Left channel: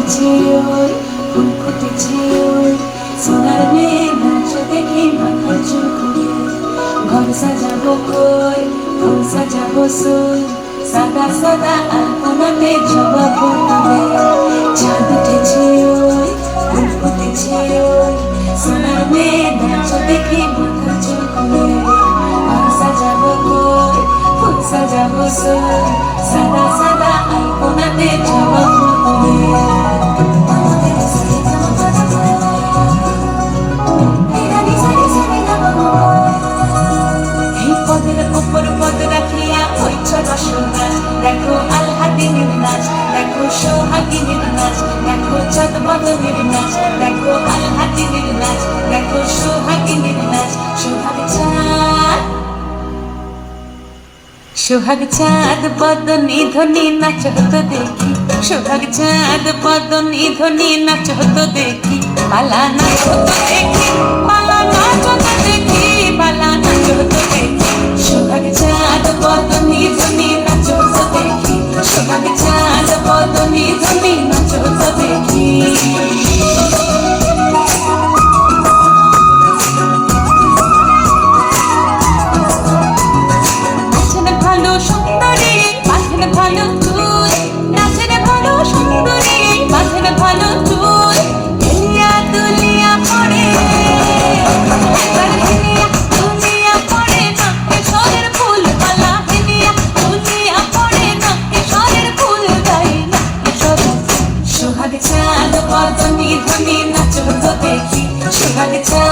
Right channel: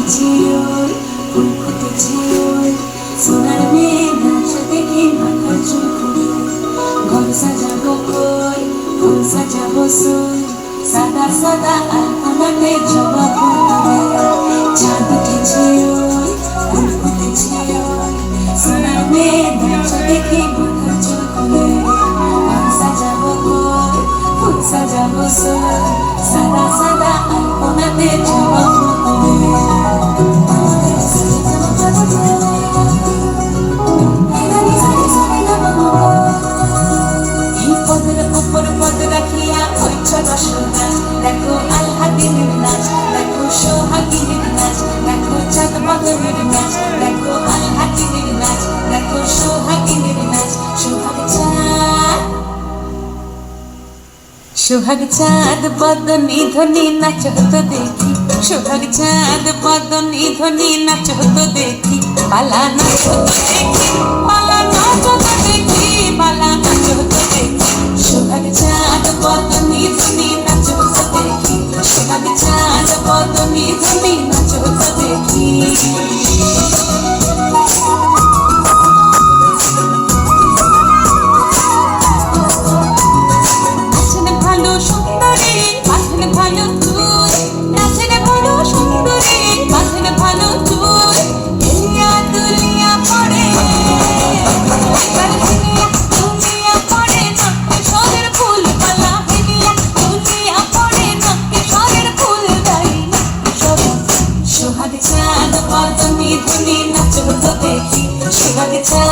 ফুটেছে ওই ফুল ফুটেছে ওই সোনার মেয়ে নাচ দেখে মাথা চুকুরে ঘর সাজাবো কই ফুল সাজাবো সই সাদা সাদা আলপনাতে জবা ফুটবে চাঁদ উঠেছে ওই ফুল ফুটেছে ওই সোনার মেয়ে নাচ দেখে মাথা চুকুরে ঘর সাজাবো কই ফুল সাজাবো সই সাদা সাদা আলপনাতে জবা দেখো আলহাদিনের নাচ দেখো সোহাগিনের নাচ দেখো চাঁদ নাচ দেখো আলহাদিনের নাচ দেখো সোহাগিনের নাচ সোহাগ চাঁদ। সোহাগ চাঁদ, বদনি ধ্বনি নাচ হতো দেখি। সোহাগ চাঁদ, বদনি ধ্বনি নাচ হতো দেখি। পালা নাচ হতো দেখি। বদনি ধ্বনি নাচ দেখি। সরের সোহাগ চাঁদ পদনি ধ্বনি নাচ হতো দেখি সোহাগ চাঁদ